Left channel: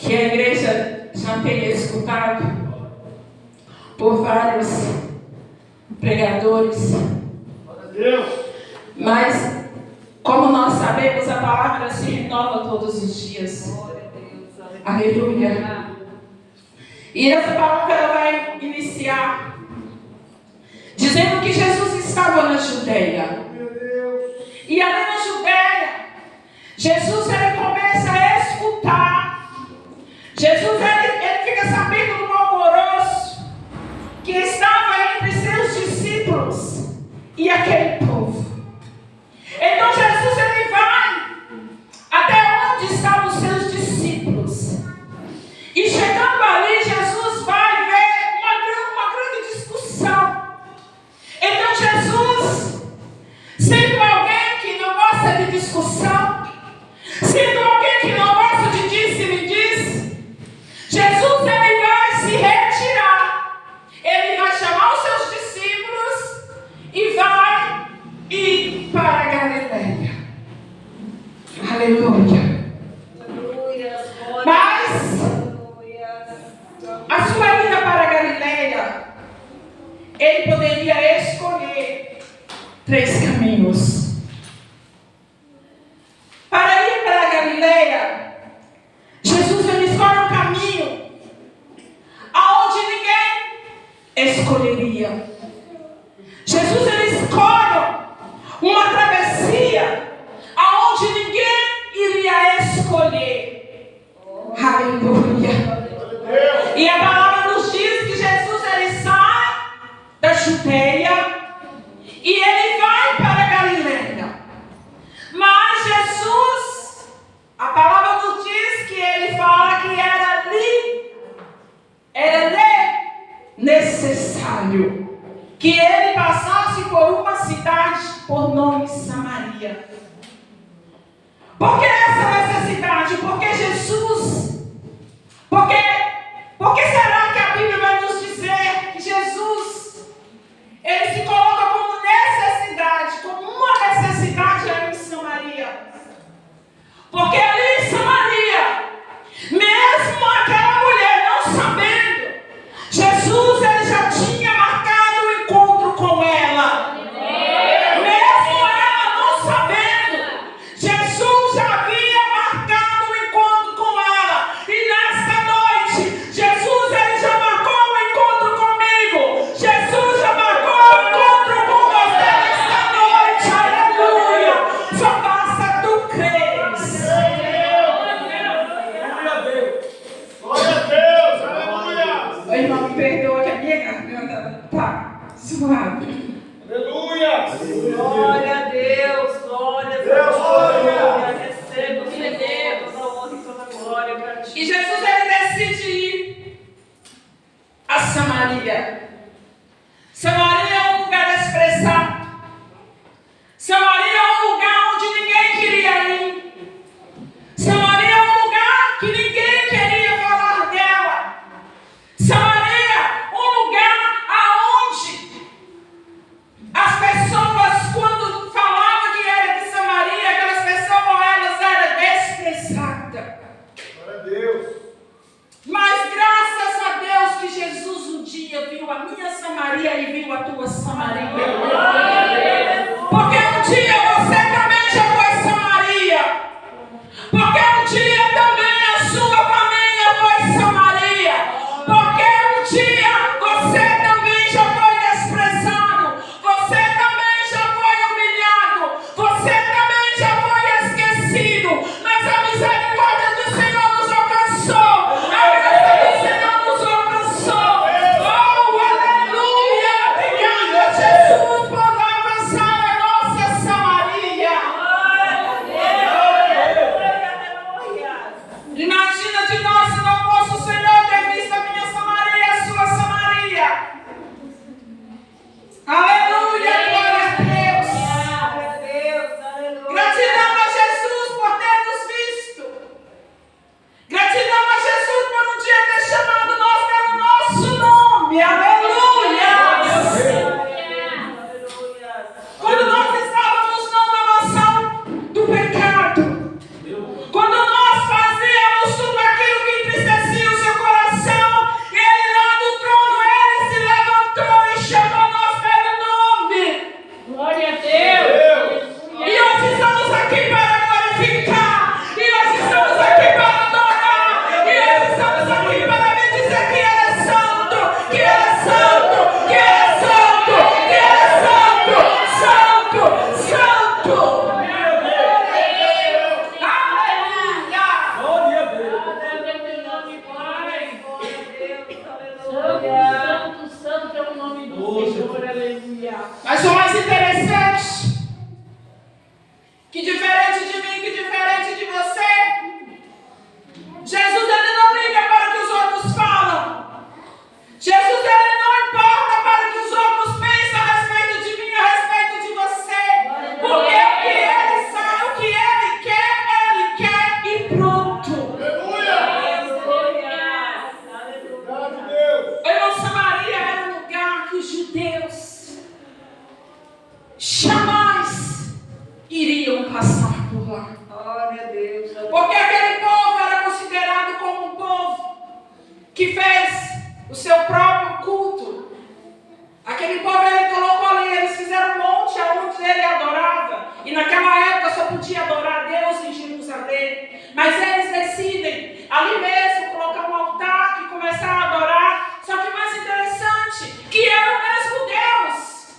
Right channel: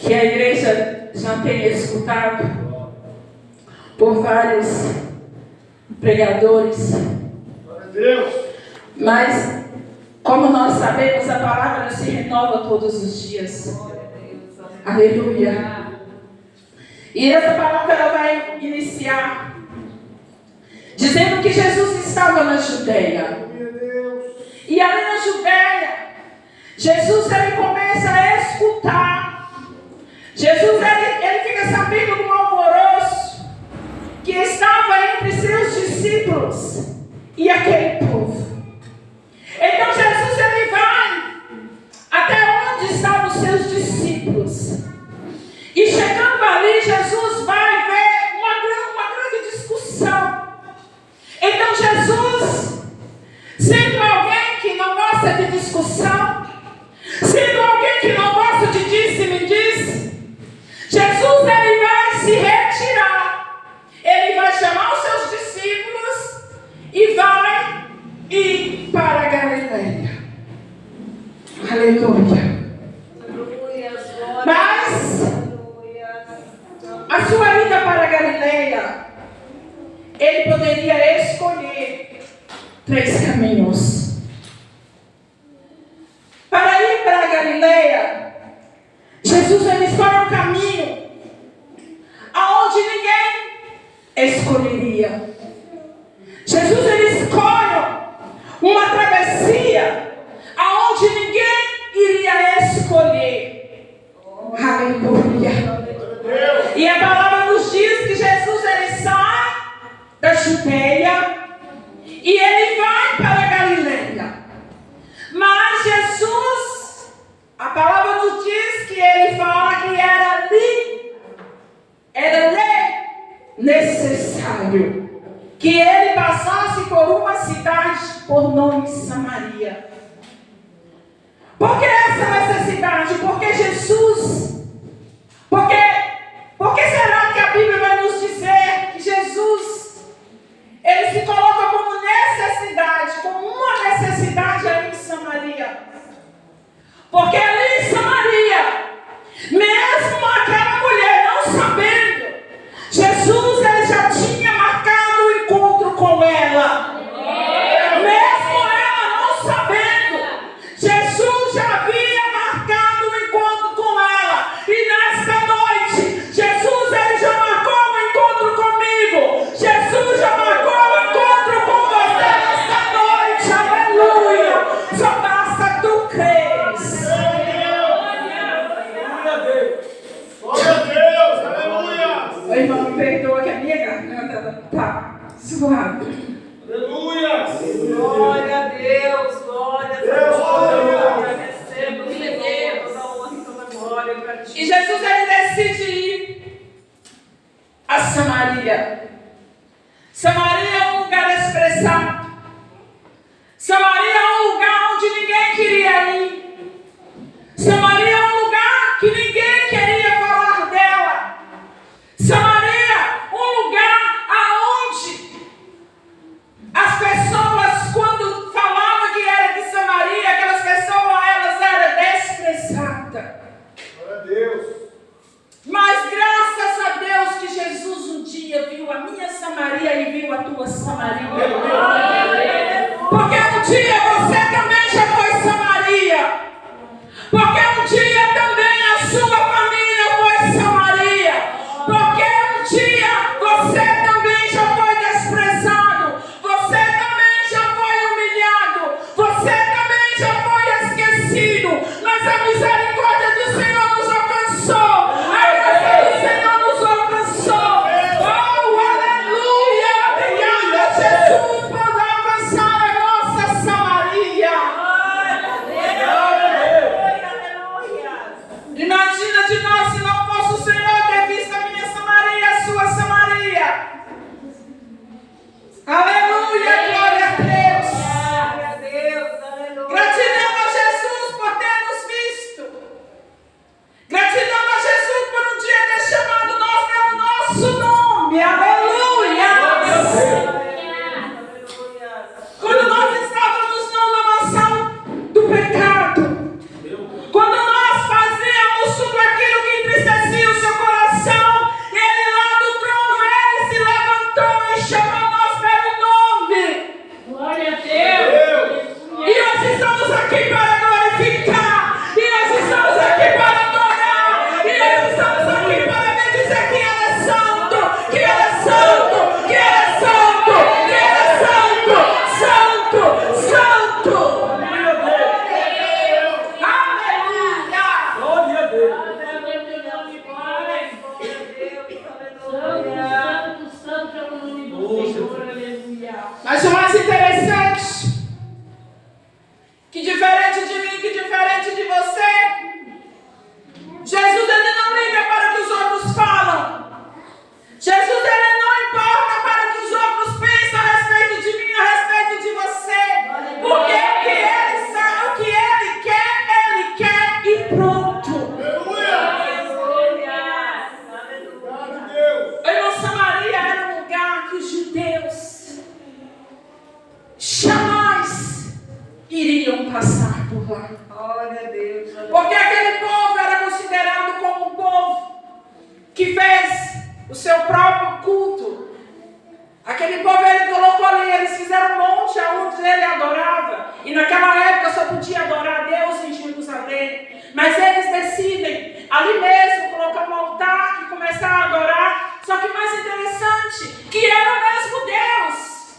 que a igreja já tem escutado por vários pregadores. Mas, como nós sabemos, a palavra se renova todos os dias. Aleluia. E essa palavra ela vai iniciar dizendo que Jesus estava na Judeia. E ali na Judeia, Jesus ele começa a escutar. Jesus ele fica sabendo do alvoroço que estava entre seus discípulos e aquele povo. Então Jesus ele vai até onde estavam os seus discípulos. E chegando ali, Jesus vai ver uma grande discussão. Então Jesus, sendo alguém que não gosta de discussão, sendo alguém que não gosta de disse-me-disse, Jesus ele vai se retirar. Ele vai chamar os seus discípulos e vai ir para a Galileia. Aleluia. Mas a sua ida para a Galileia, ele poderia escolher 3 caminhos. Para ir para a Galileia, Jesus ele escolhe um caminho aonde ninguém escolheria. Jesus ele escolhe uma travessia aonde ninguém iria escolher. Aleluia. E a palavra nos diz que Jesus ele sai da Judeia e ele vai para a Galileia. Mas Jesus, a palavra nos diz que ele fala que era necessário que ele passasse por uma cidade por nome Samaria. Por que essa necessidade? Porque Jesus, por que será que a Bíblia vai nos dizer que Jesus, ele se coloca como necessidade, como uma necessidade ali em Samaria? Porque ali em Samaria, mesmo aquela mulher não sabendo, Jesus ele já tinha marcado o encontro com ela. Mesmo ela não sabendo, Jesus já havia marcado o encontro com ela. E nesta noite, Jesus ele já marcou o encontro comigo. Jesus já marcou o encontro com você nesta noite. Aleluia. Só basta tu creres. Glória a Deus. Aleluia. Ô, irmão, me perdoa que a minha garganta tá suave. Aleluia. Glória a Deus. Glória a Deus. Glória. Receba o Senhor, toda honra e toda glória para ti. E Jesus ele decide ir a Samaria. Samaria é um lugar desprezado. Samaria é um lugar onde ninguém queria ir. Samaria é um lugar que ninguém queria falar dela. Samaria, um lugar aonde as pessoas, quando falavam que era de Samaria, aquelas pessoas, elas eram desprezadas. Glória a Deus. Mas graças a Deus que Jesus um dia viu a minha Samaria e viu a tua seu próprio culto. Aquele povo ele colocou ali, eles fizeram um monte onde ele adorava. E naquela época só podia adorar a Deus em Jerusalém. Mas eles decidem ali mesmo colocar um altar e começar a adorar. Só que mais interessante, que era o mesmo Deus.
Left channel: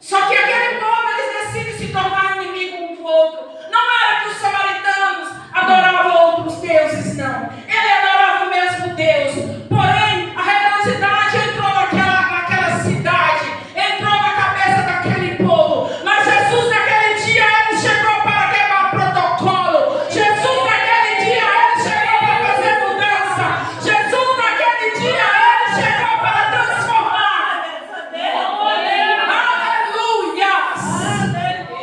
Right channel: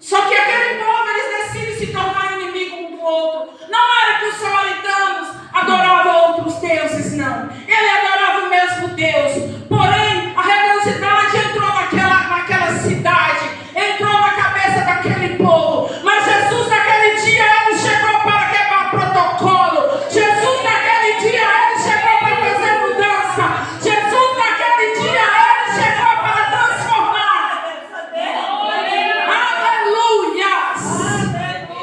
Só que aquele povo eles decidem se tornar inimigo um do outro. Não era que os samaritanos adoravam outros deuses, não. Ele adorava o mesmo Deus. Porém, a religiosidade entrou naquela cidade, entrou na cabeça daquele povo. Mas Jesus naquele dia ele chegou para quebrar protocolo. Jesus naquele dia ele chegou para fazer mudança. Jesus naquele dia ele chegou para transformar. Aleluias!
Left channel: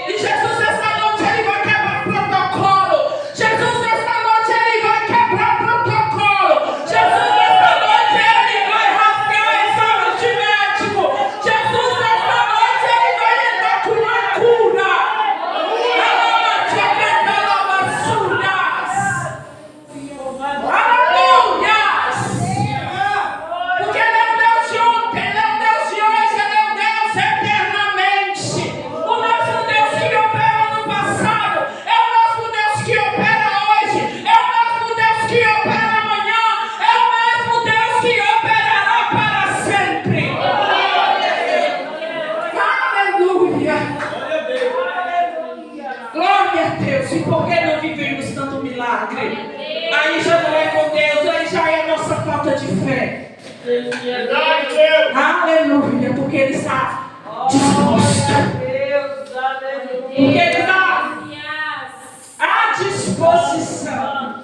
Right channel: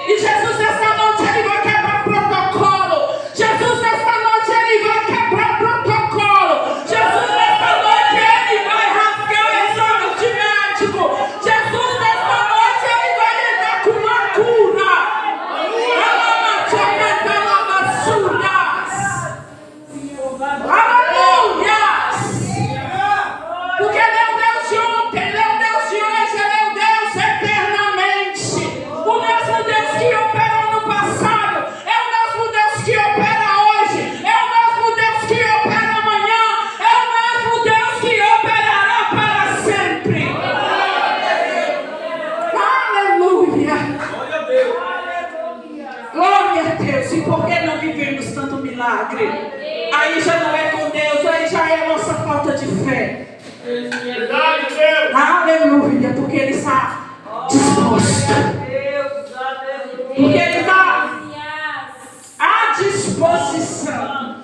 E Jesus nesta noite ele vai quebrar protocolo. Jesus nesta noite ele vai quebrar protocolo. Jesus nesta noite ele vai rasgar exames de médico. Jesus nesta noite ele vai entrar com uma cura. Aleluias! Porque ele é o Deus de ontem, ele é o Deus de hoje, ele é o Deus eternamente. O mesmo Deus que opera no passado, é o mesmo Deus que opera hoje, é o mesmo Deus que opera amanhã, é o mesmo Deus que operará para sempre. Aleluia! Glória a Deus! E por que não vivemos tanto milagre? Aí já não é com Deus, aí já é a nossa falta de fé. Verdade, Deus. Aleluia, porque Ele está disposto. Porque Ele está à disposição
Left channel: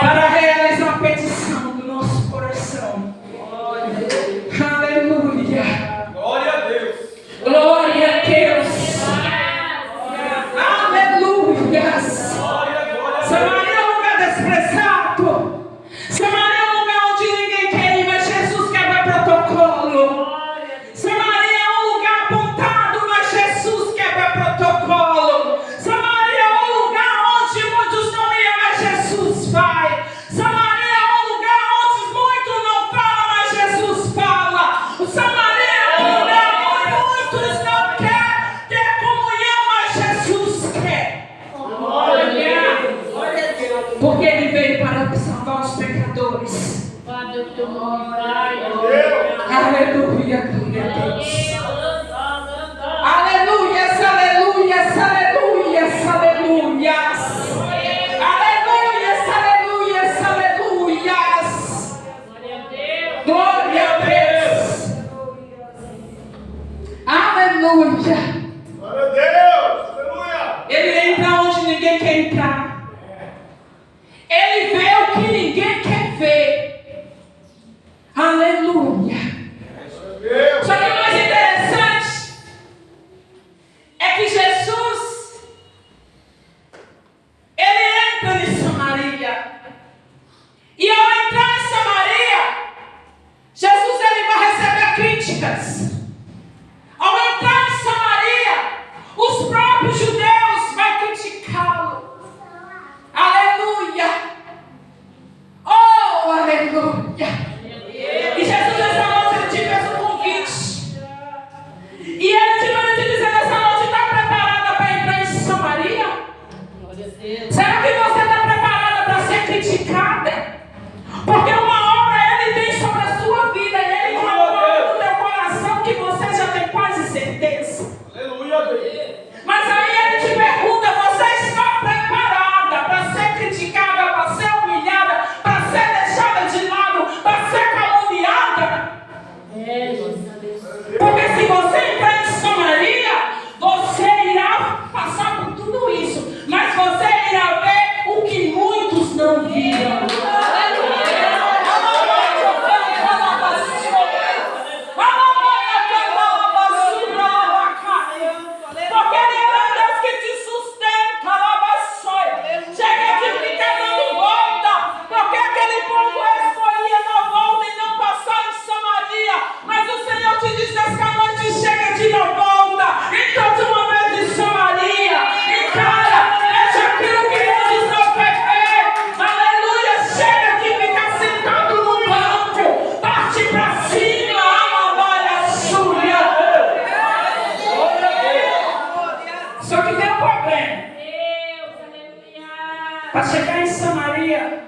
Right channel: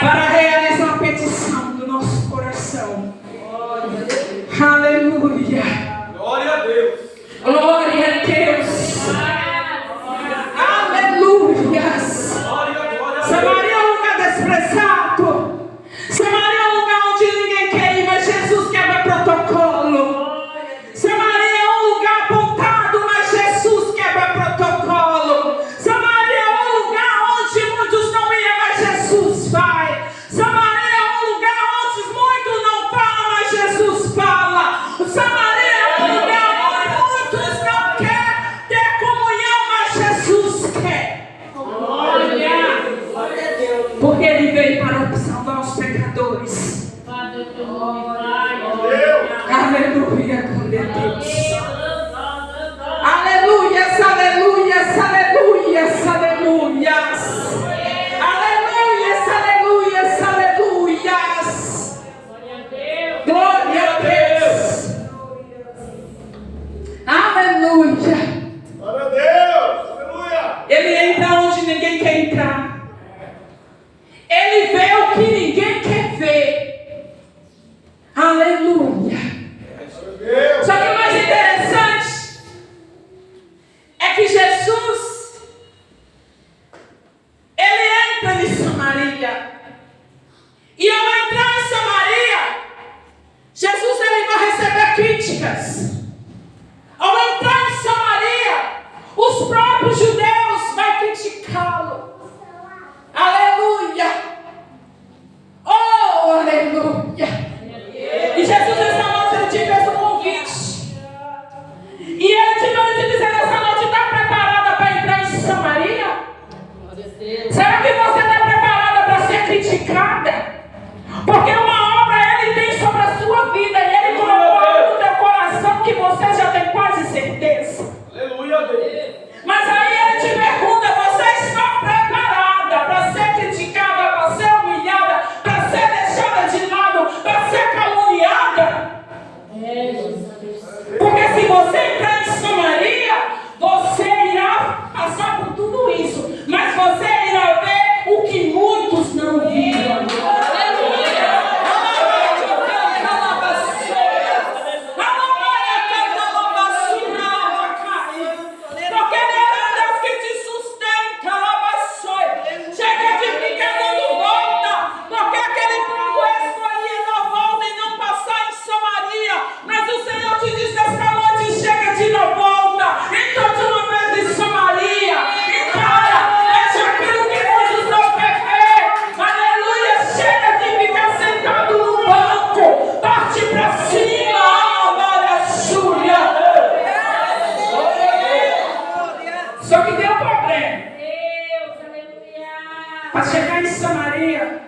para realizar a petição do nosso coração. Aleluia. Glória a Deus. Glória a Deus. Aleluias. Samaria é um lugar desprezado. Samaria é um lugar onde ninguém quer ir, mas Jesus quebra protocolo. Samaria é um lugar apontado, mas Jesus quebra protocolo. Samaria é um lugar onde muitos não iam, mas Jesus vai. Samaria é um lugar onde muitos não falam, mas Jesus fala. Samaria é um lugar onde muitos não querem ter comunhão, mas Jesus quer. Porque Ele veio para salvar os pecadores. Aleluia, glória a Deus. Aleluias, aleluias, aleluias, aleluias. Aleluias, aleluias, aleluias. Glória a Deus. Aleluia. Glória a Deus. Aleluia. Ele entra onde ninguém quer entrar. Ele vê o que ninguém quer ver. Aleluia. Deus. Só que o mais interessante é que Jesus, ele entra em Samaria. E ao entrar em Samaria, Jesus ele vai receber críticas. Ao entrar em Samaria, os próprios judeus vão criticá-lo. Aleluia! Oh, aleluia! E Jesus nessa noite ele te fez um convite. E ele te manda te dizer nessa noite: está preparada para entrar em Samaria? Será que você está preparada para ser criticada? Porque uma obra ele tem sobre a sua vida. E ele colocou no teu coração que você já tem quase certeza. Aleluia, Deus. Mas aí ele te pergunta: você está preparada para ser criticada, para ser humilhada, para ser deixada de lado, para ser caluniada? Porque se você entrar em Samaria, você irá passar por tudo isso, mas você irá ver para chegar em Samaria,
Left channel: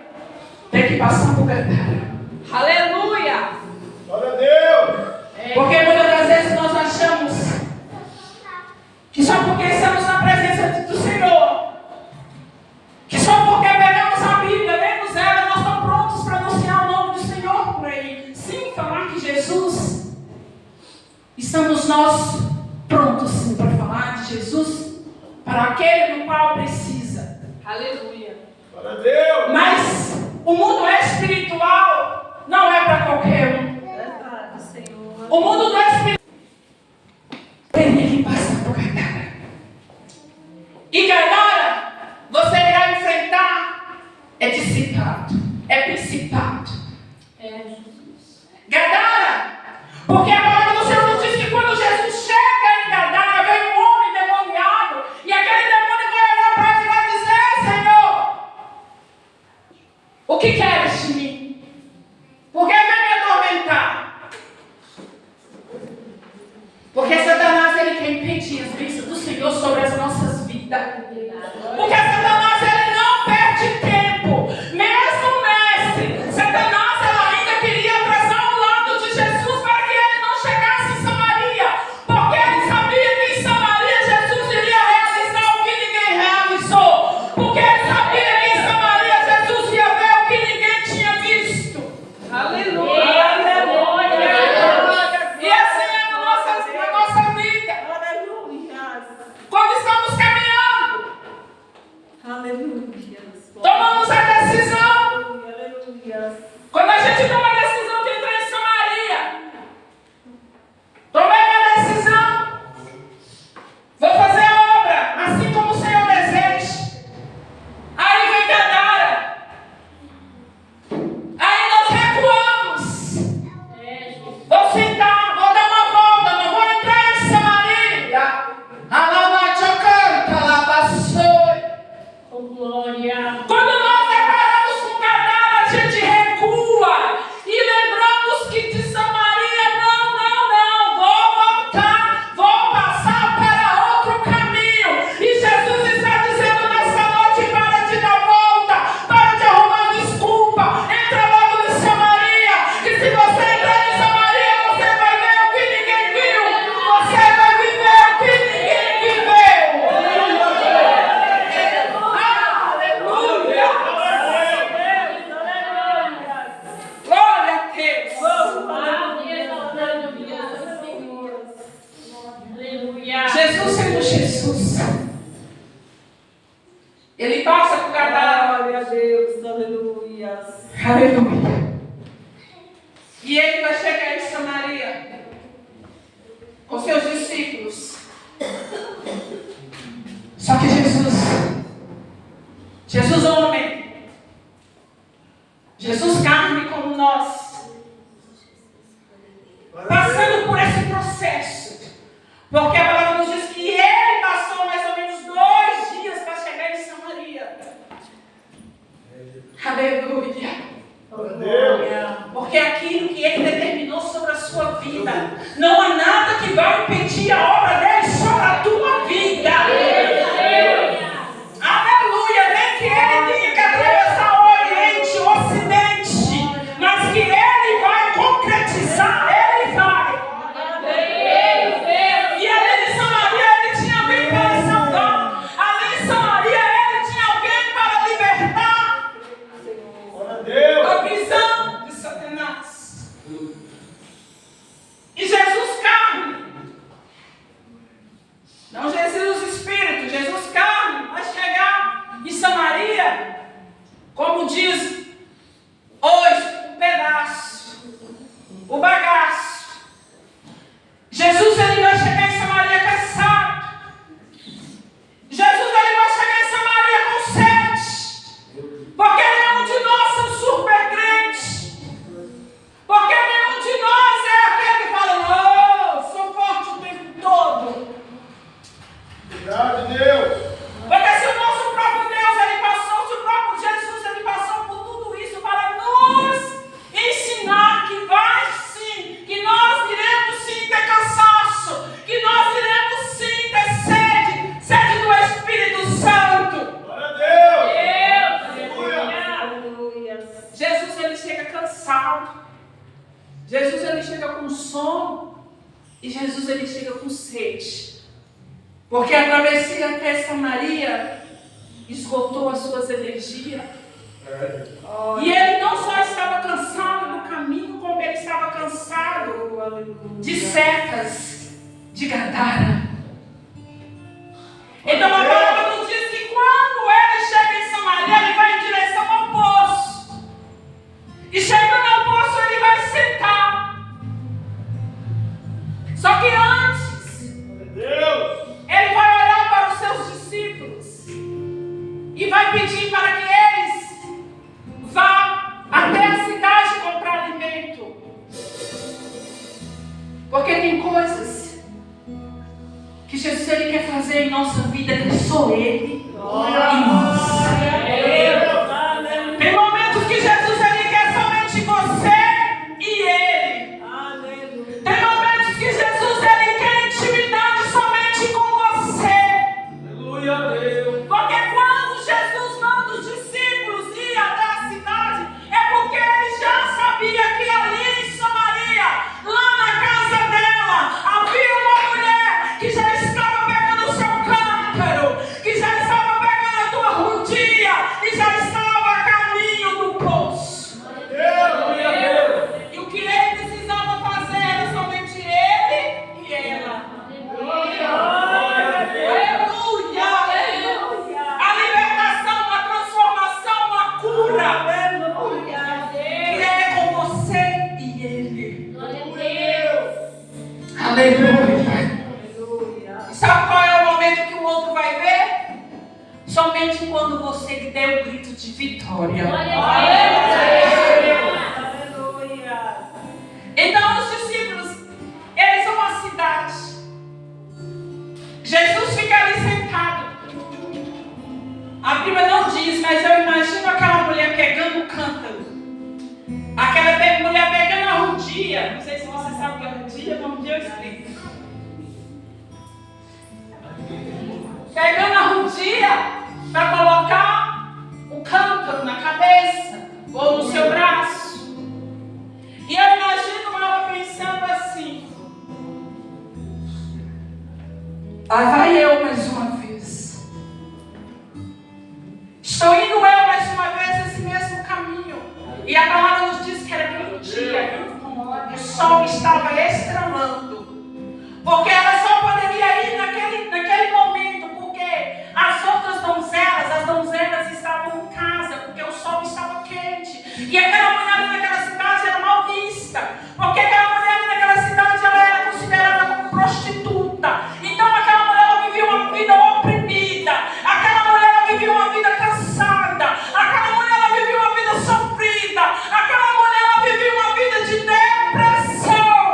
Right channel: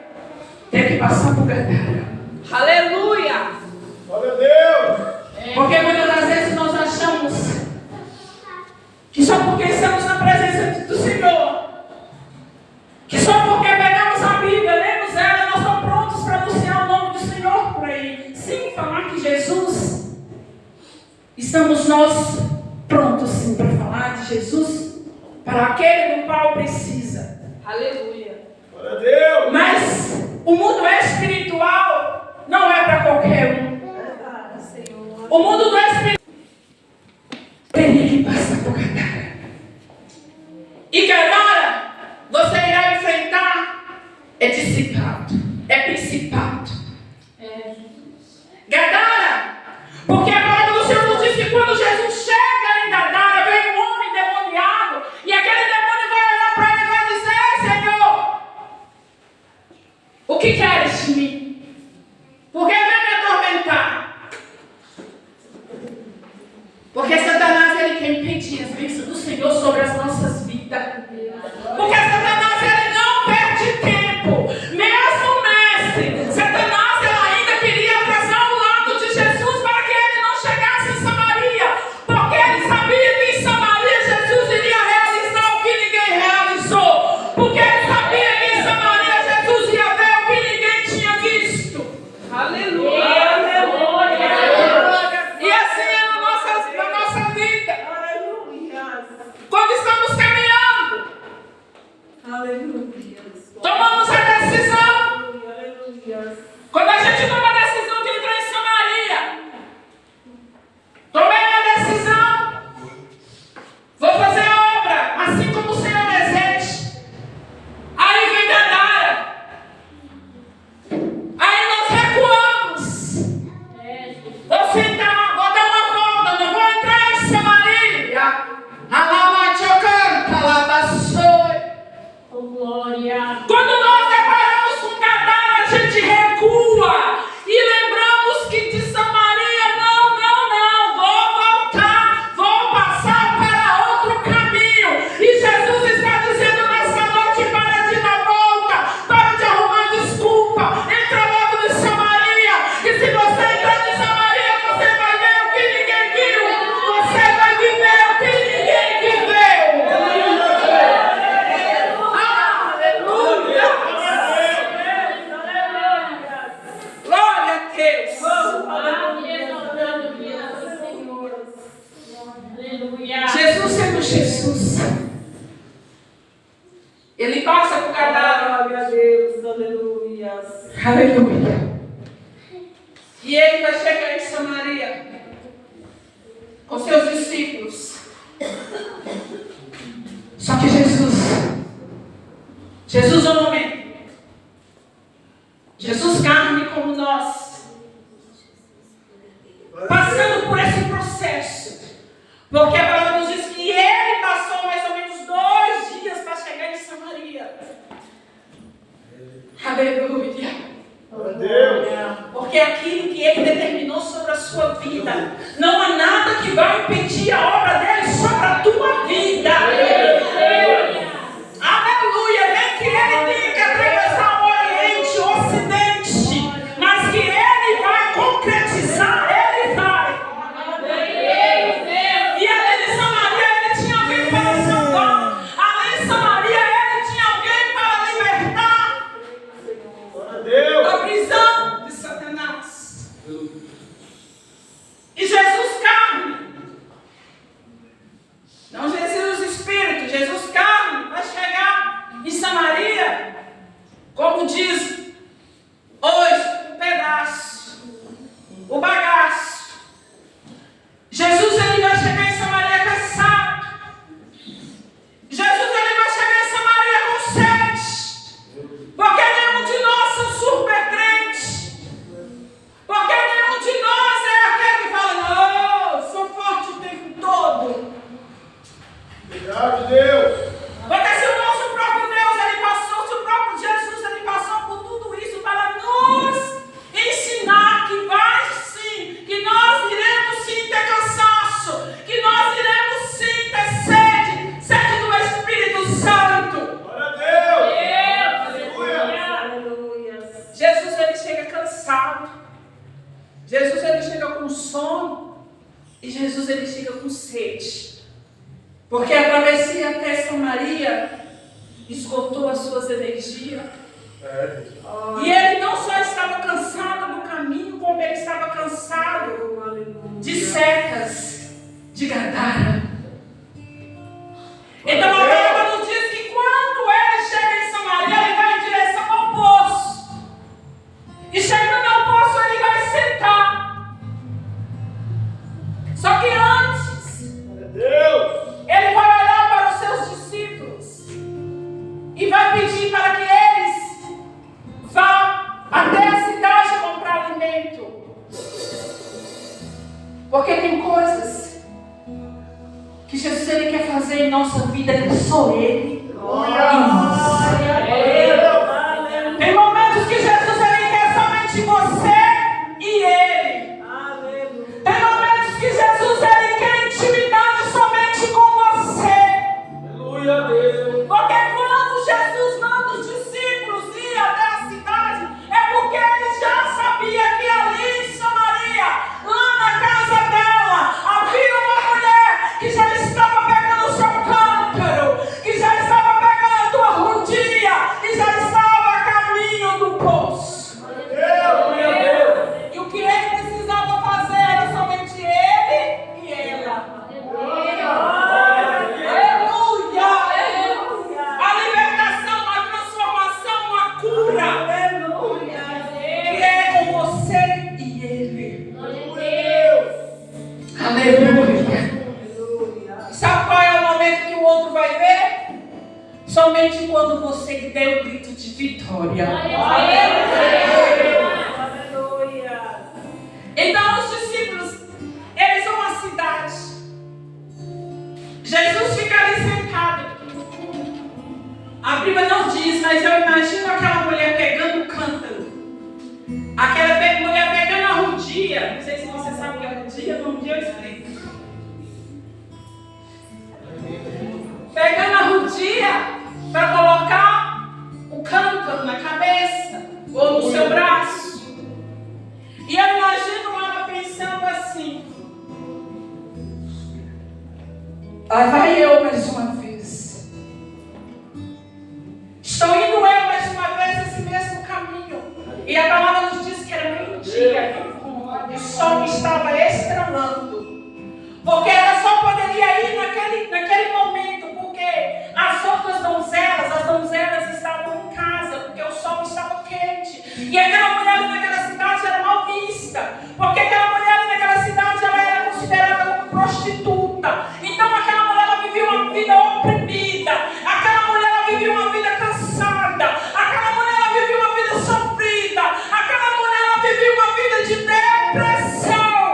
tem que passar por Gadara. Aleluia. Glória a Deus. Porque muitas das vezes nós achamos que só porque estamos na presença do Senhor, que só porque pegamos a Bíblia, lemos ela, nós estamos prontos para anunciar o nome do Senhor por aí. Sim, falar que Jesus, estamos nós prontos sim para falar de Jesus para aquele do qual precisa. Aleluia. Glória a Deus. Mas o mundo espiritual não é para qualquer um. Verdade, Senhor. O mundo do espírito teria que passar por Gadara. E Gadara, você irá enfrentar é discipado, é principado. Gadara, porque a palavra do Senhor nos diz que quando Jesus chega em Gadara, vem um homem demoniado, e aquele demônio vai olhar para ele e vai dizer: Senhor, o que queres de mim? Por que vem me atormentar? Porque Satanás, ele quer impedir as bênçãos do Senhor sobre as nossas vidas. Porque Satanás, ele não perde tempo. Mesmo mestre, Satanás, ele ainda queria atrasar o lado de Jesus para que ele não chegasse em Samaria. Porque ele sabia que em Samaria Jesus iria realizar o que ninguém realizou. Porque ele sabia que em Samaria Jesus ia ver o que ninguém tinha visto. Aleluia. E assim é na nossa vida. Aleluia. Quando estamos caminhando, Aleluia. tomamos a decisão. Aleluia. Quando a gente toma a decisão de entrar em Samaria, tomei a decisão. Vou fazer a obra, assim como o Senhor deseja. Aí vem Gadara. Aí nós recuamos. Vou sentar, vou dar uma volta, não vou entrar em Samaria. Alabachocanta, alabaçoi. Oh, glória. Quando nós deparamos com Gadara, a gente recua e lembramos que de Samaria, não, vou voltar, vou passar para outro caminho. E Jesus está dizendo nessa noite: para de dar volta, para de arrumar desculpa, entra logo em Samaria. E se você entrar em Samaria, você vai ver o que ninguém viu, você vai viver o que ninguém viveu. Aleluia! Glória a Deus! Jesus sendo Jesus, ele passa por Gadara. Glória a Deus. Aleluia. Aleluia! E ele vai chegar em Samaria com seus discípulos. Só que Jesus homem, Jesus carne como nós, passando por esse processo, porque a palavra nos diz que ele passou mais ou menos 2 dias para chegar em Samaria. Aleluia! Glória a Deus. Porque aquilo que ele determinou sobre a sua vida, não há nada que vai impedir a obra dele sobre a tua vida. Aleluia! Nem que ele tenha que atravessar o Oriente, o Ocidente, mas que ele vai concretizar, ele vai. E além de Samaria, ele tinha alguém para salvar. Além de Samaria, ele tinha alguém para libertar Glória a Deus. da prisão de Satanás. E Jesus carne, não Jesus Espírito, Jesus carne vai chegar em Samaria, como diz hoje, o pedaço, o bagaço. Jesus, ele vai chegar em Samaria cansado. Jesus, ele vai chegar em Samaria com sede. Porque nenhum de nós são super crentes. Porque nenhum de nós é aquele que fala: não, sou forte o tempo todo. Obrigado, Deus. Porque se o nosso próprio Deus, ele passou, se o próprio Jesus, ele passou Jesus ele chega com sono e Jesus ele chega com sede. Porque a travessia até Samaria esgotou as suas energias. E ele não só estava cansado do caminho, como ele estava cansado de secas, de Gadara. Então a palavra nos diz que quando ele chega em Samaria, ele vai em direção ao poço. E chegando ao poço, ele vai sentar. Só que antes, ele vai olhar para os seus discípulos e vai pedir para que eles vá até a cidade comprar alimento. Porque tem coisas que Jesus ele quer fazer em nossa vida que só Ele e nós. Tem momentos que Jesus ele quer somente você e Ele. Tem momentos que Jesus ele quer intimidade somente com você. Porque quando Jesus manda os discípulos ir até a cidade, é porque ele já sabia que ali em Samaria, lá na casa dela, havia uma mulher que já estava pegando o seu cântaro, que já estava pegando a tua rodinha e já estava a caminho do poço. E o que ele precisava fazer era somente ele e ela. Aleluia! A libertação, a transformação, a cura que é com você e ele. Aleluia! E sabe qual é o momento que o outro vai ver? Somente quando você der o grito de vitória. Então os discípulos, eles são uma cidade. Jesus fica ali sentado. A Bíblia não diz, mas eu imagino aquela mulher pegando o cântaro. Aquela mulher pegando a rodinha. Não sei se você sabe o que é rodinha, mas um dia eu explico. Pegando a rodinha para colocar o cântaro na cabeça ou no seu braço. E eu imagino ela pensando assim: lá vai eu mais uma vez. Estou indo eu mais uma vez esse mesmo caminho. E a palavra nos diz que era meio-dia. O sol estava estrelando. Porque ela só poderia ir naquele momento. Porque as outras donzelas, as donzelas estavam em casa. Porque o sol estava quente. E aquela mulher naquela cidade era mal vista. Porque aquela mulher naquela cidade ela era considerada como prostituta. Então aquela mulher ela vivia uma vida oprimida. Aquela mulher ela vivia uma vida cansada. Aquela mulher ela vivia uma vida sofrida. Aquela mulher ela vivia uma vida de depressão.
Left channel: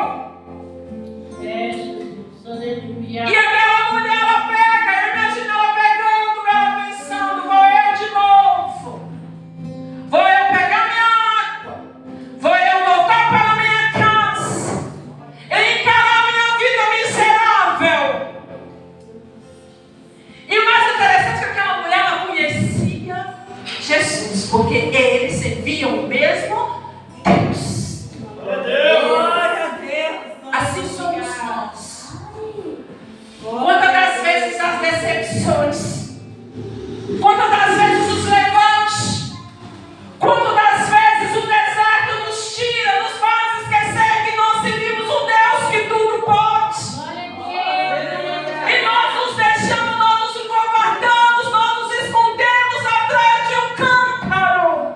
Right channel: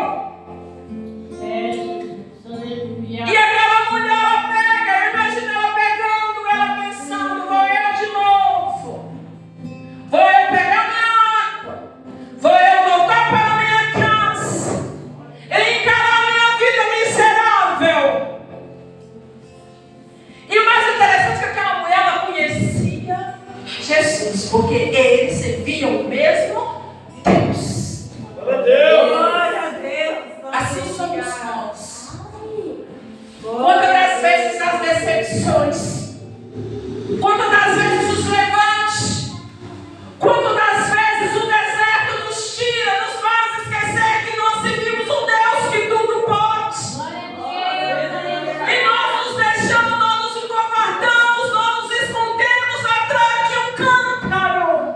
E aquela mulher ela pega, imagina ela pegando, ela pensando: vou eu de novo. Vou eu pegar minha água. Vou eu voltar para a minha casa. E encarar minha vida miserável. E o mais interessante é que aquela mulher ela conhecia Jesus. Porque eles serviam o mesmo Deus. Assim somos nós. Quantas das vezes as decepções, quantas das vezes os levantes, quantas das vezes o deserto nos tira, nos faz esquecer que nós servimos um Deus que tudo pode. E nós nos deixamos, nós nos encovardamos, nós nos escondemos atrás de um cântaro.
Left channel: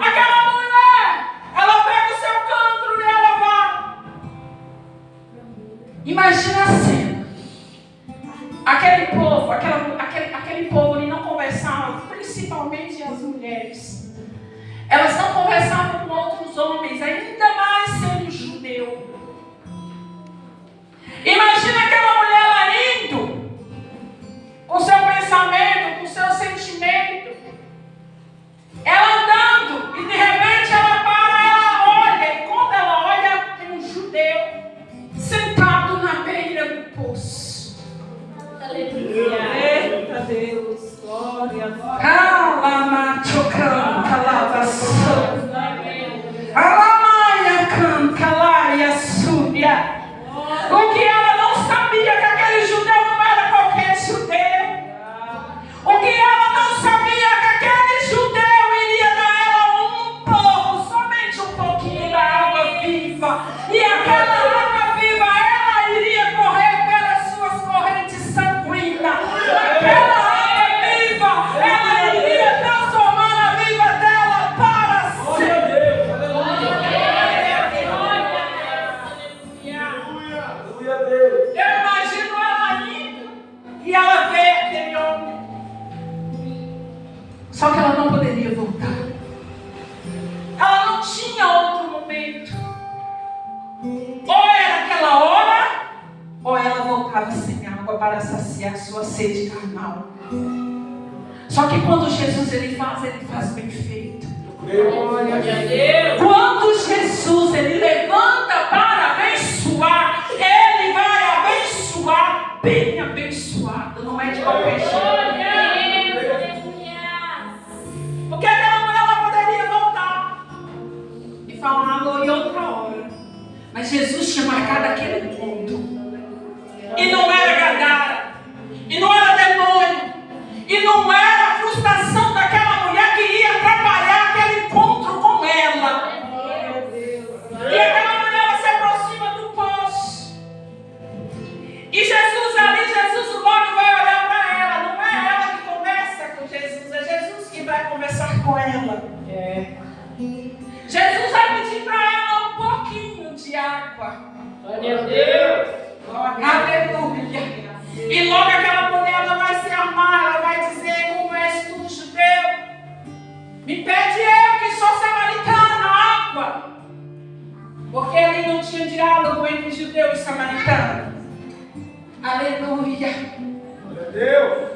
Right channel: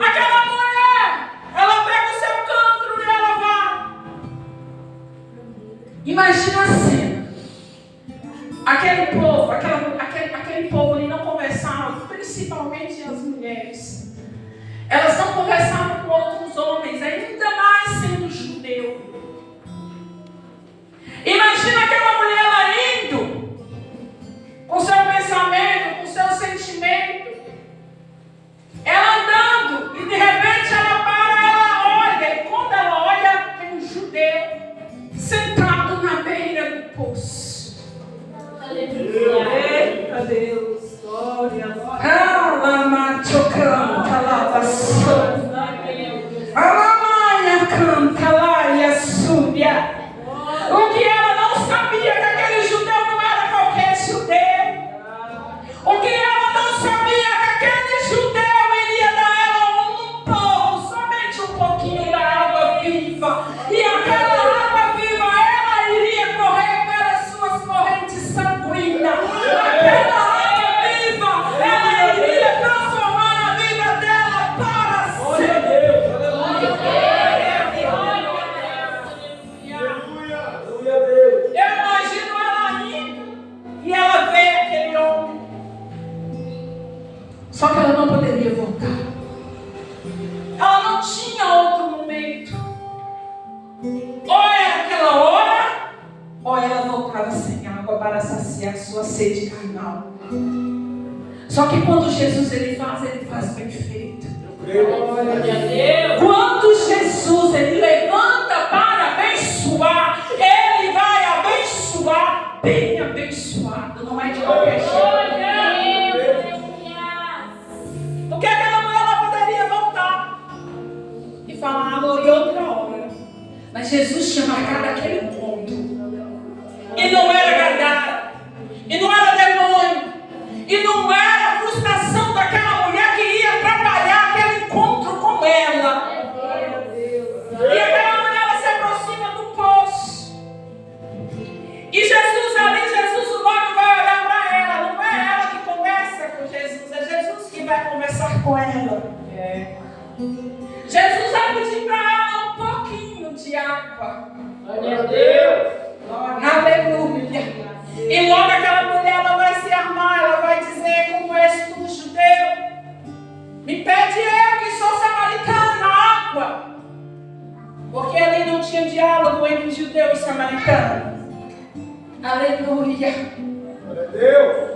Aquela mulher, ela pega o seu cântaro e ela vai. Imagina a cena. Aquele povo ele não conversava, principalmente as mulheres. Elas não conversavam com outros homens, ainda mais sendo judeu. Imagina aquela mulher lá indo, com seu pensamento, com seu sentimento. Ela andando e de repente ela para, ela olha. E quando ela olha, tem um judeu sentado na beira do poço. Aleluia. Eita Deus, glória. Calama, chocando, calava. Alamaia canta, laia súria. O que ela não sabia que aquele judeu não era qualquer judeu. O que ela não sabia que aquele judeu iria dar ela um pouco, somente um pouquinho da água viva. E aquela água viva, ela iria correr pelas suas correntes sanguíneas. Aquela água viva, ela iria transformar a vida dela para sempre. Eu imagino ela indo e ela vê aquele homem. Só que ela não poderia voltar. Ela não tinha outro momento. Ou era aquela hora, ou ela voltava sem água para saciar sua sede carnal. Só que quando Jesus ele faz bem feito. Quando Jesus ele levanta para abençoar, ele vai abençoar bem abençoado, não é de qualquer jeito. Porque aquela mulher ela poderia voltar e falar em outra hora. Mas Jesus tinha marcado aquele ponto. E não era Gadara. E não era demônio. E não era a frustração daquela mulher que ia atrapalhar aquele encontro com ela. E aquela mulher ela se aproxima do poço. E Jesus logo vai olhar para ela. Não é ela que conversa com Jesus, é Jesus que vai conversar com ela. Jesus vai pedir para ela um pouquinho de água. Glória a Deus. Aleluia. E logo aquela mulher ela vai se armar, ela vai dizer: como és tu, judeu? Me pede eu que sou samaritana água. Porque ali não tinha diálogo entre judeu e samaritano. Aleluia. Glória a Deus.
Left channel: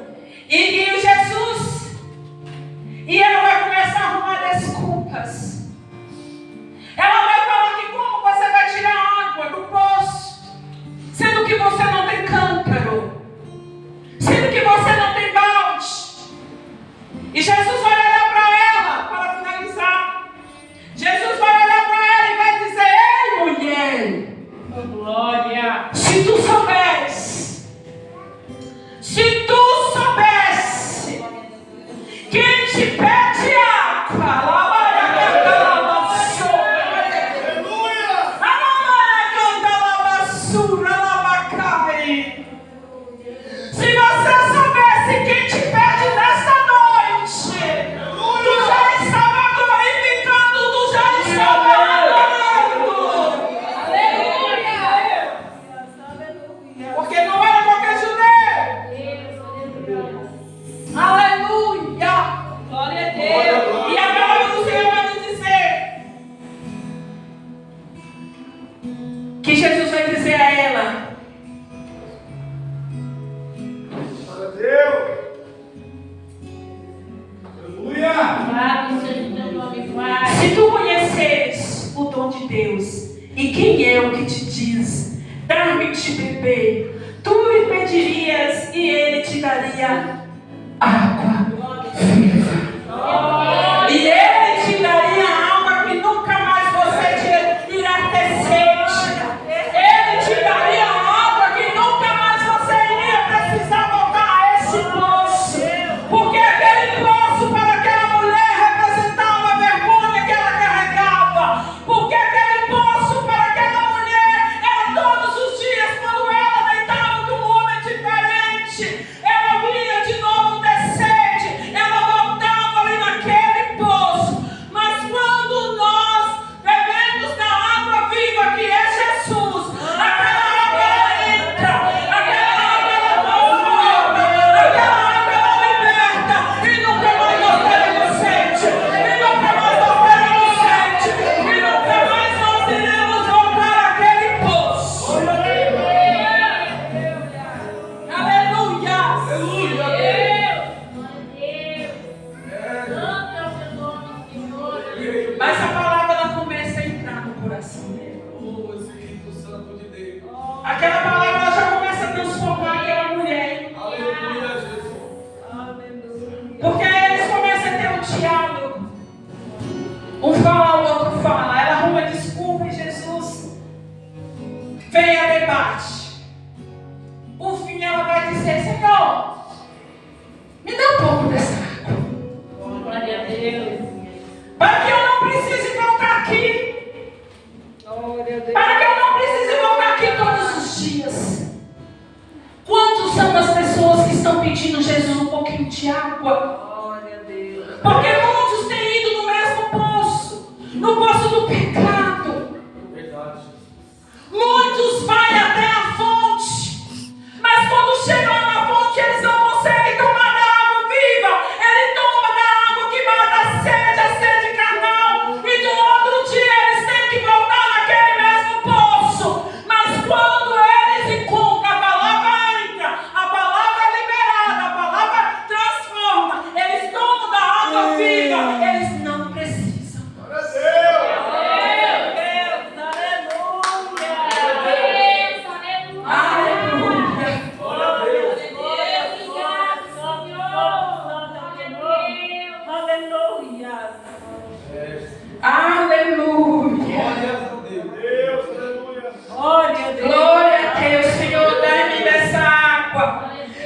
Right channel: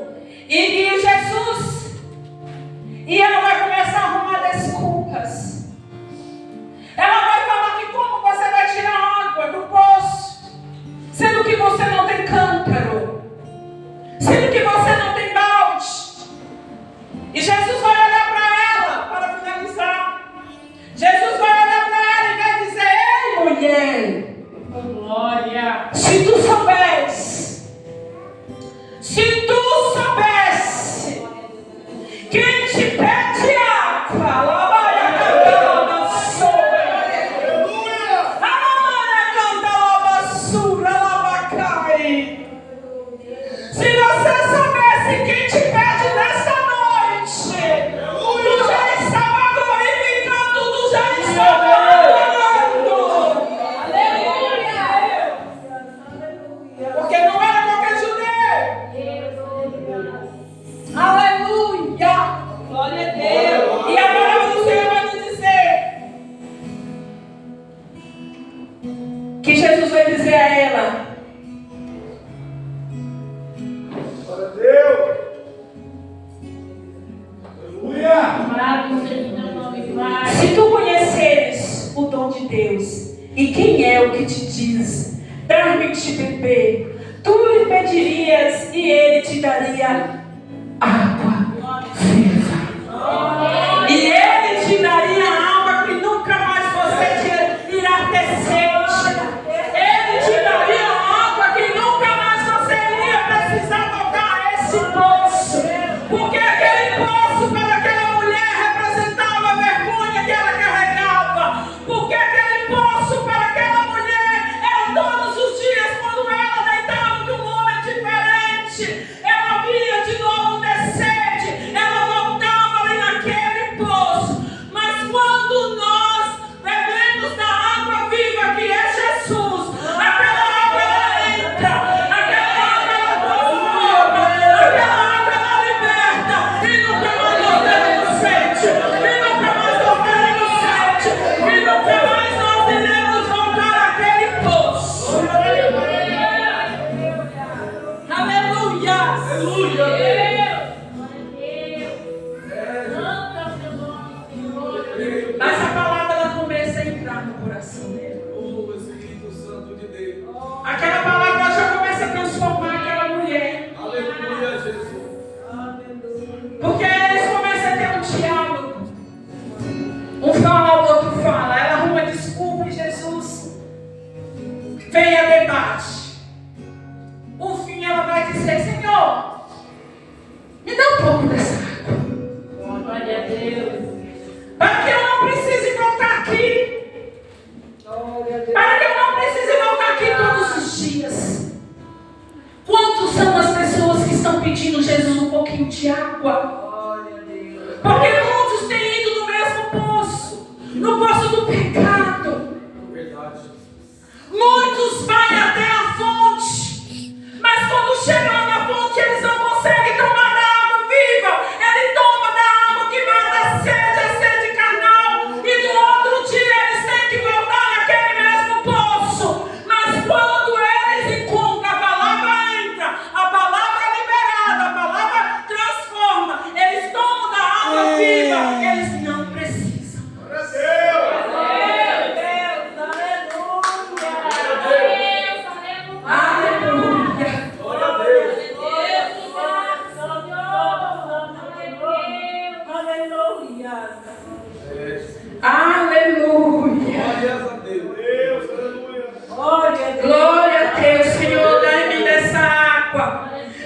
E Jesus, e ela vai começar a arrumar desculpas. Ela vai falar que como você vai tirar água do poço, sendo que você não tem cântaro, sendo que você não tem balde. E Jesus vai olhar para ela, para finalizar. Jesus vai olhar para ela e vai dizer: ei, mulher, Glória. se tu soubesse quem te pede água, lá vai a cantar a vassoura. Aleluia. A mamãe canta a vassoura, lá vai cair. Se você soubesse quem te pede nesta noite, tu já estava glorificando, tu já estava adorando. Aleluia. Porque não era qualquer judeu. Aleluia. Glória a Deus. E a palavra do Senhor vai nos dizer que Jesus vai dizer a ela: Glória a Deus. Aleluia. Louvado seja o teu nome, Pai. se tu conheceres o dom de Deus e quem é o que te diz, dar-me de beber, tu lhe pedirias e ele te daria água viva. E ele te daria água que nunca mais você irá ter sede. Ele te daria água que nunca mais você iria precisar voltar a esse poço. Porque aquele poço para aquela mulher representava a vergonha que ela carregava. Porque aquele poço para aquela mulher era todos os dias quando ela deitava com um homem diferente. Ela via de novo ter sede. Ela voltava ali naquele poço. Mas quando nós bebemos da água viva que é Jesus, aquela água ela entra, aquela água ela transforma, aquela água ela liberta, e nunca mais nós teremos sede, e nunca mais nós teremos sede, e nunca mais nós iremos voltar àquele poço. Aleluia! Aleluia. Mas a palavra ela começa a entrar no coração dele. Oh, Espírito Santo de Deus. Aquela palavra ela já começa a transformar aquela mulher. Aleluia, Jesus. Porque eles começam a ter um diálogo. Jesus um pouquinho de água. Glória a Deus. Porque muitos têm ido no mesmo poço, no poço do pecado. Verdade. Muitos vão até a fonte, mas quando chegam lá na fonte, eles não conseguem tomar da água viva. Ele toma da água que mata a sede carnal. E no outro dia eles têm que voltar naquele mesmo poço. Mas quando eles encontram, a palavra entra, a palavra é liberada, a palavra transforma. Eles tomam da água viva, eles não precisam. Glória a Deus. Aleluia. Glória a Deus. É. Aleluia. Glórias a Deus. Deus, aleluia. Glória a Deus, Senhor, dai-me dessa água,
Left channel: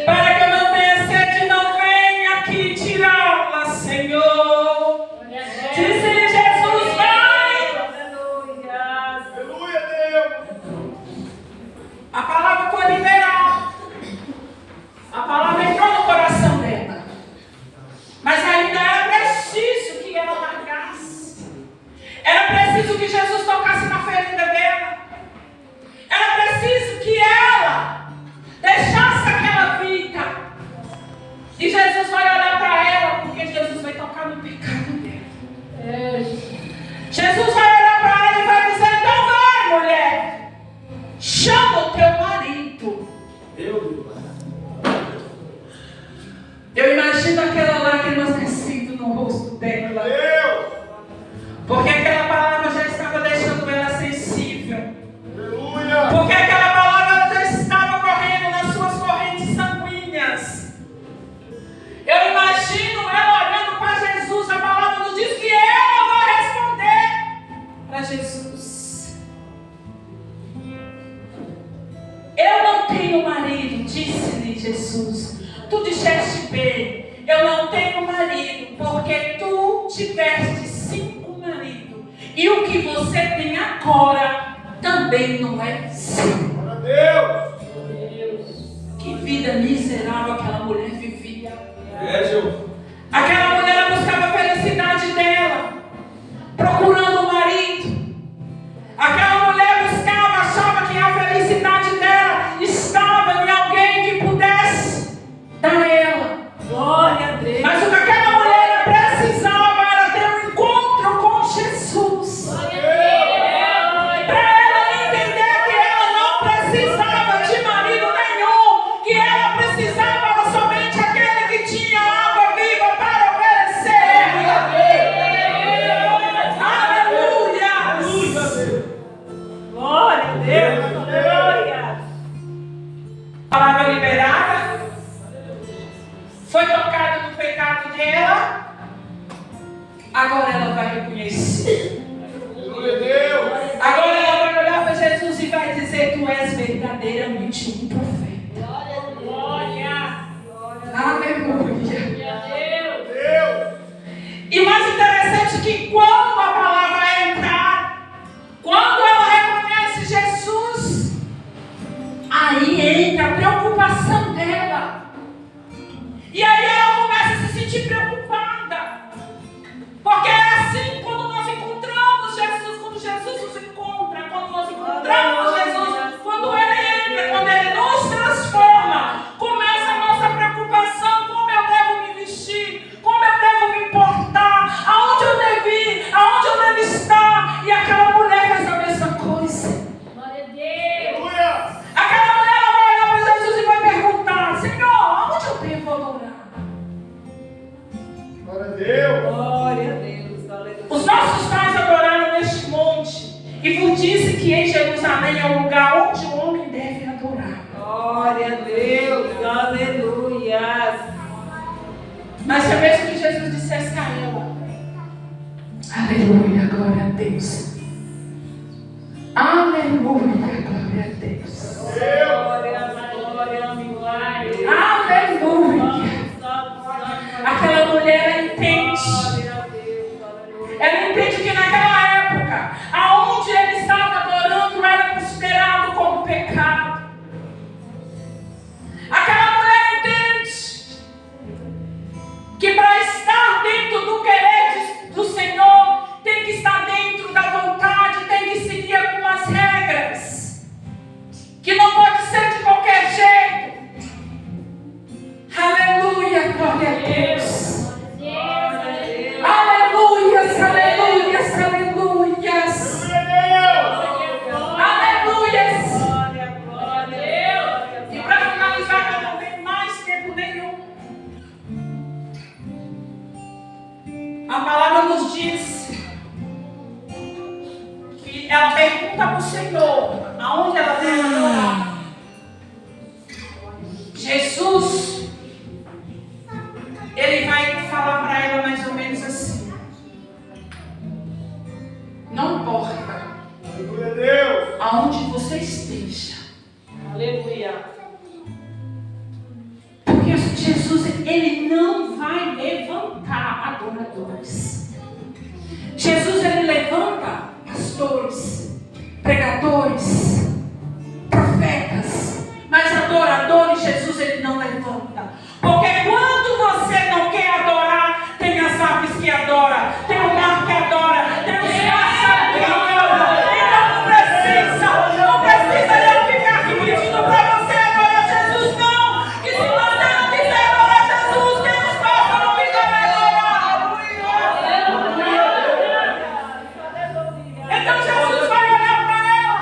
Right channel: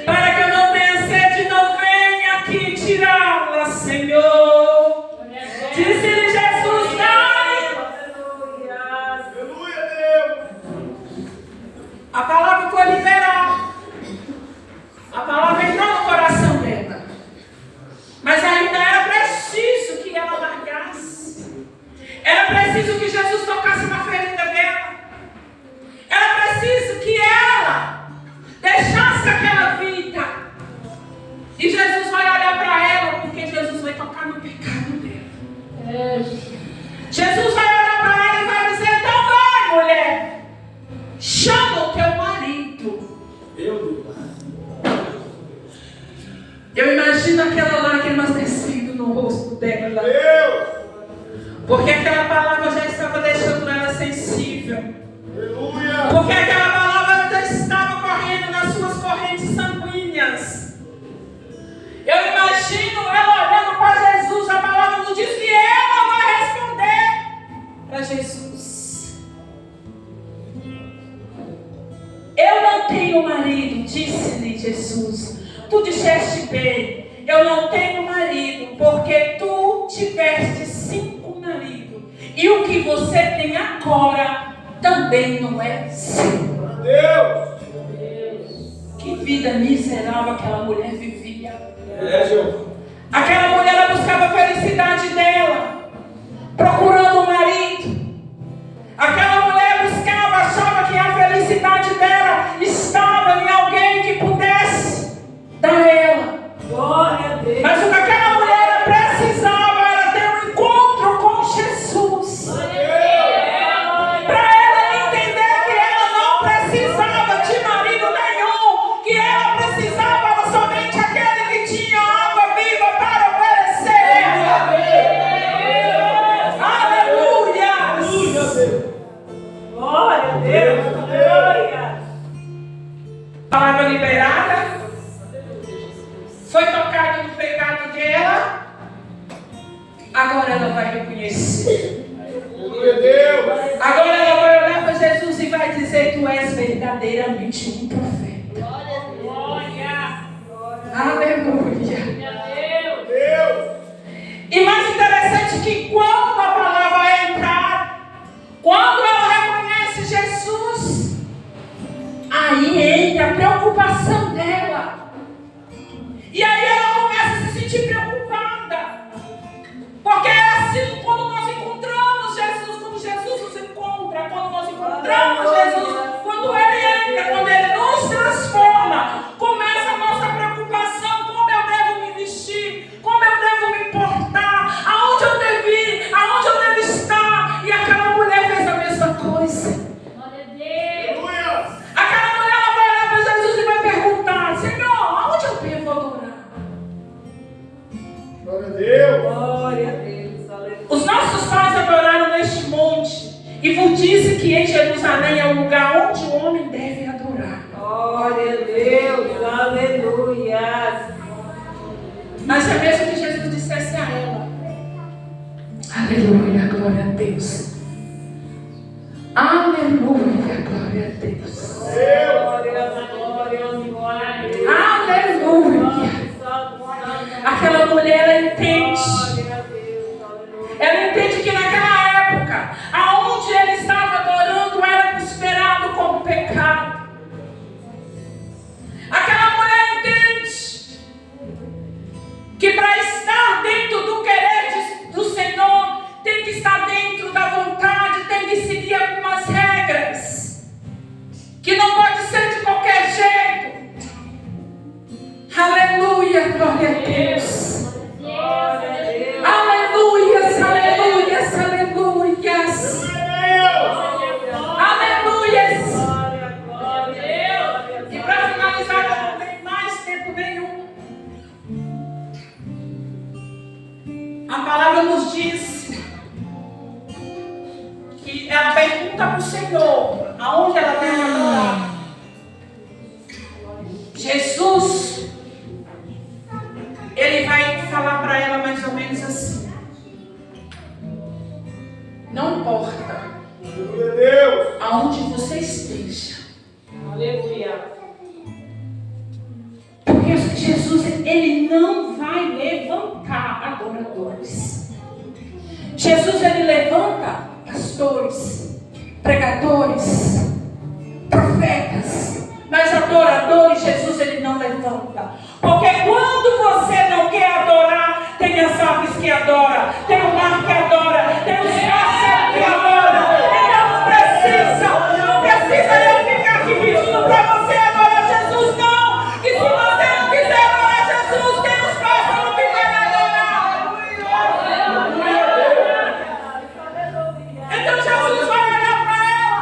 para que eu não tenha sede, não venha aqui tirá-la, Senhor. Disse-lhe Jesus, vai. Aleluia, Deus. A palavra foi liberada. A palavra entrou no coração dela. Mas ainda era preciso que ela largasse. Era preciso que Jesus tocasse na ferida dela. Era preciso que ela deixasse aquela vida. E Jesus vai olhar para ela, porque Jesus vai tocar no pecado dela. Jesus vai olhar para ela e vai dizer, então vai, mulher. Chama o teu marido. Meu Deus. Eu imagino aquela lágrimas descendo no rosto dela. Deus. Porque aquela palavra já estava deixando ela sensível. Aleluia. Porque aquela palavra já estava correndo nas suas correntes sanguíneas. Eu imagino ela olhando para Jesus. A palavra nos diz que ela vai responder para Jesus. Eu não tenho marido, disse-lhe Jesus. Tu disseste bem, eu não tenho marido, porque tu tiveste 5 maridos. E o que você tem agora também não é seu. Glória a Deus. Que vida miserável aquela mulher vivia. É, Senhor. Aquela mulher ela buscava a felicidade dela, procurando um marido. Aquela mulher buscava, achava que a felicidade dela estava em alguém que pudesse dar ela. Glória a Deus. Mas o que aquela mulher precisava era ter um encontro com Jesus. Para ela entender que ela não precisava de marido nenhum, que ela precisava era somente aquele que tinha água viva para oferecer. Aleluia! Glória a Deus. Glória. Palavra liberada. Foi tocada no pecado dela. Agora ela vai reconhecer. Aleluia, Deus. Agora ela vai olhar para Jesus e vai dizer: tu és verdadeiramente um profeta. Glória. Aleluia. Deus. E mais interessante que quando a palavra entrar, quando ela reconhece Jesus, aí entra a preocupação dela. E aí ela começa a se sentir preocupada. Porque é assim quando nós encontramos Jesus, quando Jesus nos encontra, quando nós encontramos Jesus, quando Ele entra, quando Ele nos transforma, começa a nossa preocupação: como eu devo me vestir, como eu devo me importar, aonde eu devo ir, aonde eu devo estar. E aquela mulher fez a mesma coisa. Aleluia. Aquela mulher ela vai olhar para Jesus e vai perguntar: Senhor, aonde eu devo adorar? Glória a Deus. Glória a Deus. Aleluia. Os nossos pais adoraram neste monte, e vos disse que em Jerusalém é o lugar onde o homem deve adorar. Glória a Deus. Aleluia. Mas é mesmo que Jesus dissesse a ela: aleluia, glória a Deus. Aleluia, glória a Deus. Glória, glória, glória. Aleluia. Aquela mulher, ela entende. Glória a Deus. Aleluia. Ela entende que naquela época, aonde ele estava adorando era considerado como pecado. Aquela mulher entende Glória a Deus. Aleluias, aleluias, aleluias. Aleluias. E para finalizar, eu não tenho mais tempo nenhum. A palavra nos diz que ela pergunta para o Senhor aonde ela deve adorar. Jesus, ele vai falar para ela mais ou menos assim: não importa aonde você esteja. Aleluia. Porque Jesus, ele não vai levantar adoradores. Jesus, ele levanta pastores, pregadores, profetas, mas adoradores, Jesus, ele não levanta. Porque quando você não quer adorar, tem as aves que adoram, tem o mar que adora, tem os pássaros que adoram. Então não precisa eu ficar aqui pedindo para você adorar Jesus, não. Que se você não quiser adorar Jesus, tem os pássaros que vai adorar. Então Jesus vai olhar para ela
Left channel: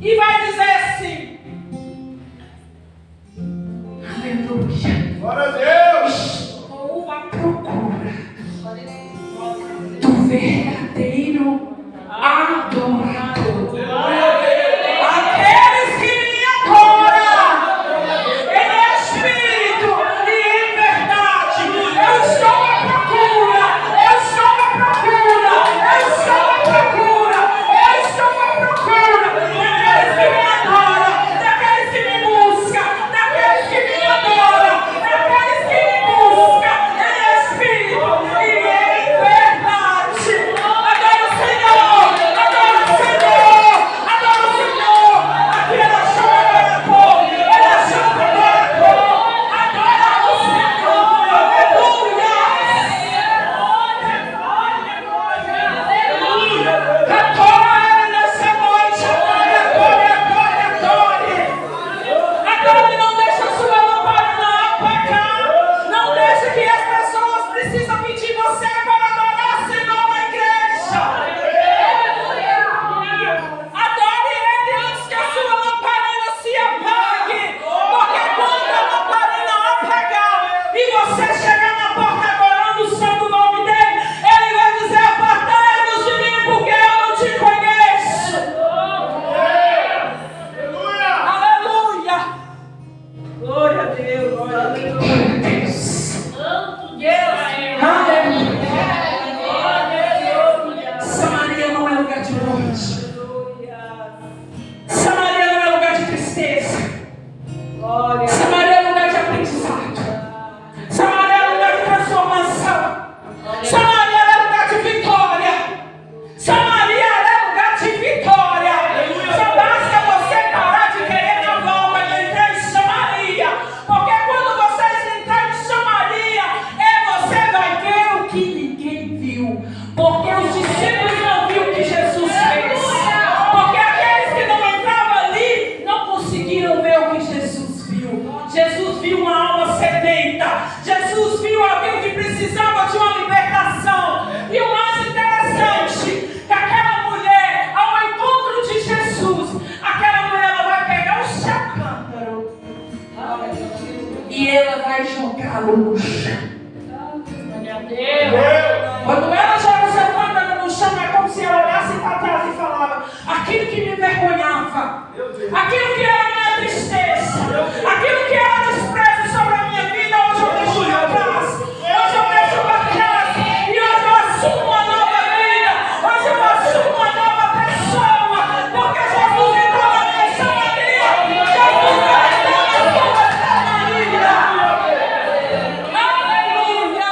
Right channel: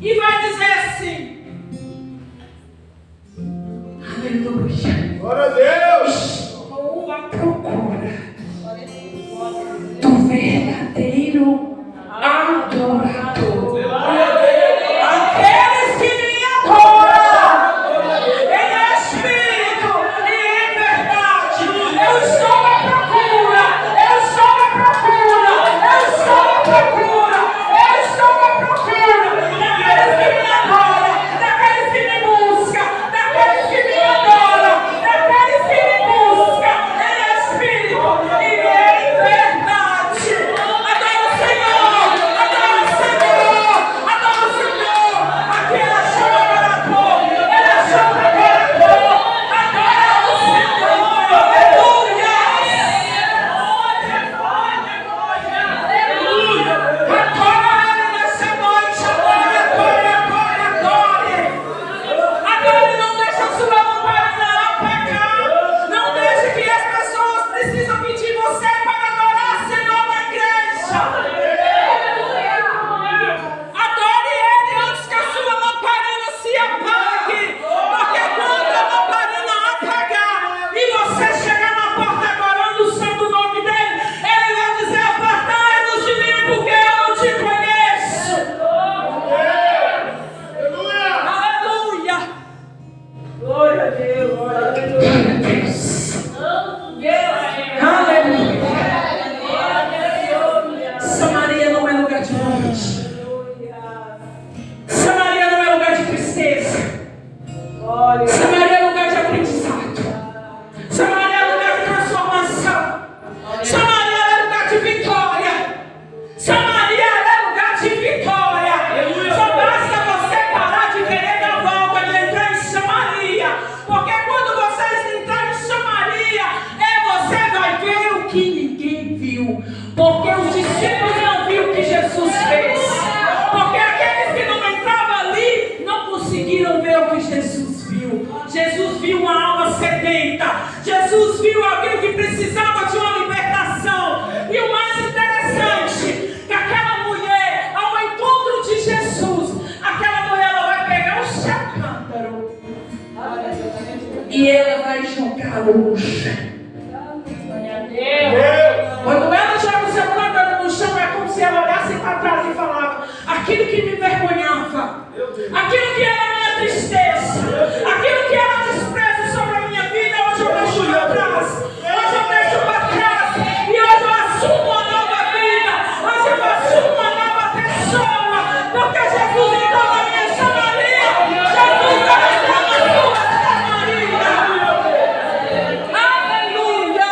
e vai dizer assim: aleluia. Glória a Deus. Estou à procura do verdadeiro adorador. Aqueles que me adoram em espírito e em verdade. Eu estou à procura. Eu estou à procura. Eu estou à procura. Eu estou à procura daqueles que me adoram, daqueles que me buscam, daqueles que me adoram, daqueles que me buscam em espírito e em verdade. Adoro o Senhor, adoro o Senhor, adoro o Senhor. Aqui ela chama adorador, ela chama adorador. Adora o Senhor, aleluia. Adora Ele nessa noite, adore, adore, adore, adore. Adore, não deixe a sua lamparina apagar. Não deixe que as pessoas precisam pedir você para adorar o Senhor na igreja. Adore Ele antes que a sua lamparina se apague. Porque quando a lamparina apagar e você chegar na porta adorando o santo nome dEle, Ele vai dizer: apartai-vos de mim, porque eu não te conheço. Aleluia. Glória a Deus. Aleluia. Aleluia. Samaria não é lugar de morte. Samaria não é lugar de tristeza. Glória. Samaria é lugar de aprendizado. Samaria é lugar de transformação. Samaria é lugar de vitória. Samaria é lugar de vitória. Só basta você parar de querer dar volta de entrar em Samaria. Porque quando vocês entrarem em Samaria, você vai ver o que ninguém viu. Porque os discípulos não viram o que Jesus fez. Porque aqueles que não entravam ali não conseguiram ver o que Jesus viu. Jesus viu uma alma sedenta. Jesus viu alguém que precisava de uma libertação. E o mais interessante, que aquela mulher, ao encontro de Jesus, aquela mulher ela vai pegar o seu cântaro e ela vai jogá-lo no chão. Glória a Deus. Quando ela joga o seu cântaro no chão, é como se ela olhasse para trás e falava: aquilo que me envergonhava, aquilo que era minha tristeza, aquilo que era desprezo sobre a minha vida, hoje eu deixo para trás. Hoje eu deixo para trás. E hoje eu assumo uma nova vida. Hoje eu assumo uma nova pessoa. Porque Jesus entrou na minha Samaria. Jesus entrou na sua Samaria. Aleluia.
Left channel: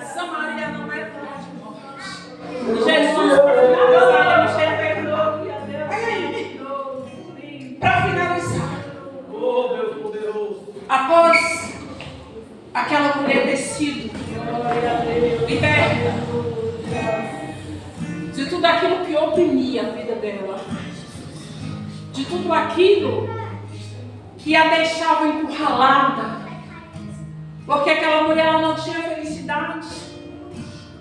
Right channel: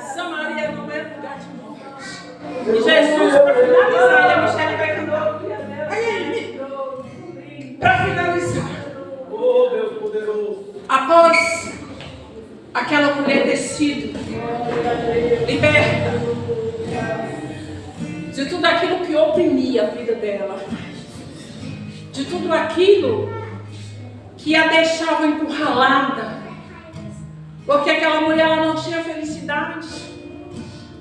Samaria não é lugar de morte. E Jesus, para finalizar, ele chega para finalizar. Oh, Deus poderoso. Após aquela mulher ter sido liberta de tudo aquilo que oprimia a vida dela, de tudo aquilo que a deixavam encurralada, porque aquela mulher ela não tinha felicidade,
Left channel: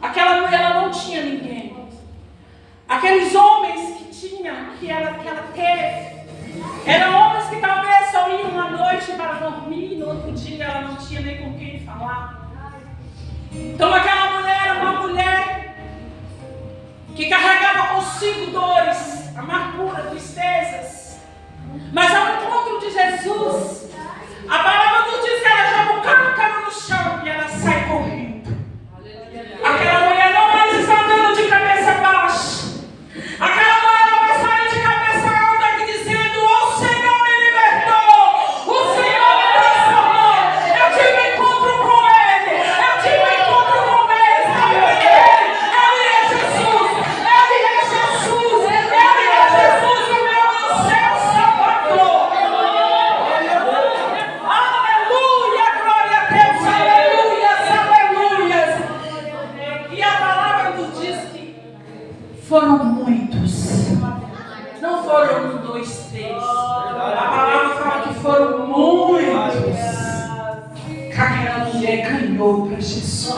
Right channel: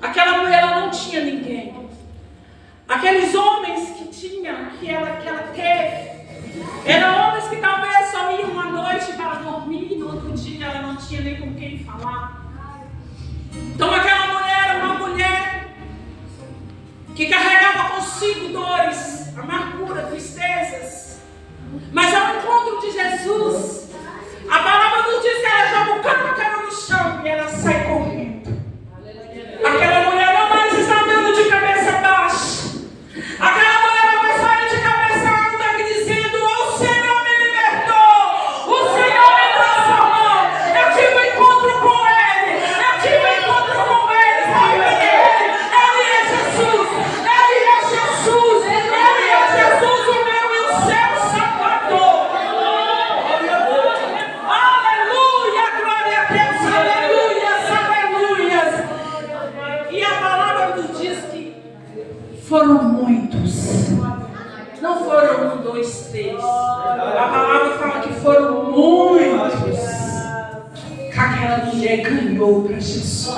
aquela mulher ela não tinha ninguém. Aqueles homens que ela teve, eram homens que talvez só iam uma noite para dormir, no outro dia ela não tinha nem com quem falar. Então aquela mulher era uma mulher que carregava consigo dores, amargura, tristezas. Mas ao encontro de Jesus, a palavra nos diz que ela joga o cano no chão e ela sai correndo. Aquela mulher não mais está andando de cabeça baixa. Aquela mulher não vai sair de cabeça alta aqui dizendo: o Senhor me libertou, o Senhor me transformou, eu tive um encontro com Ele, eu tive um encontro com Ele, sabe Ele é Jesus, Ele é Jesus, Ele é Jesus, o meu e o seu Salvador. Aleluia, glória a Deus, aleluias, aleluias. E a palavra nos diz que foram muitos, não foram um, dois, três. A palavra fala que foram muitos que aquela mulher ganhou para Jesus.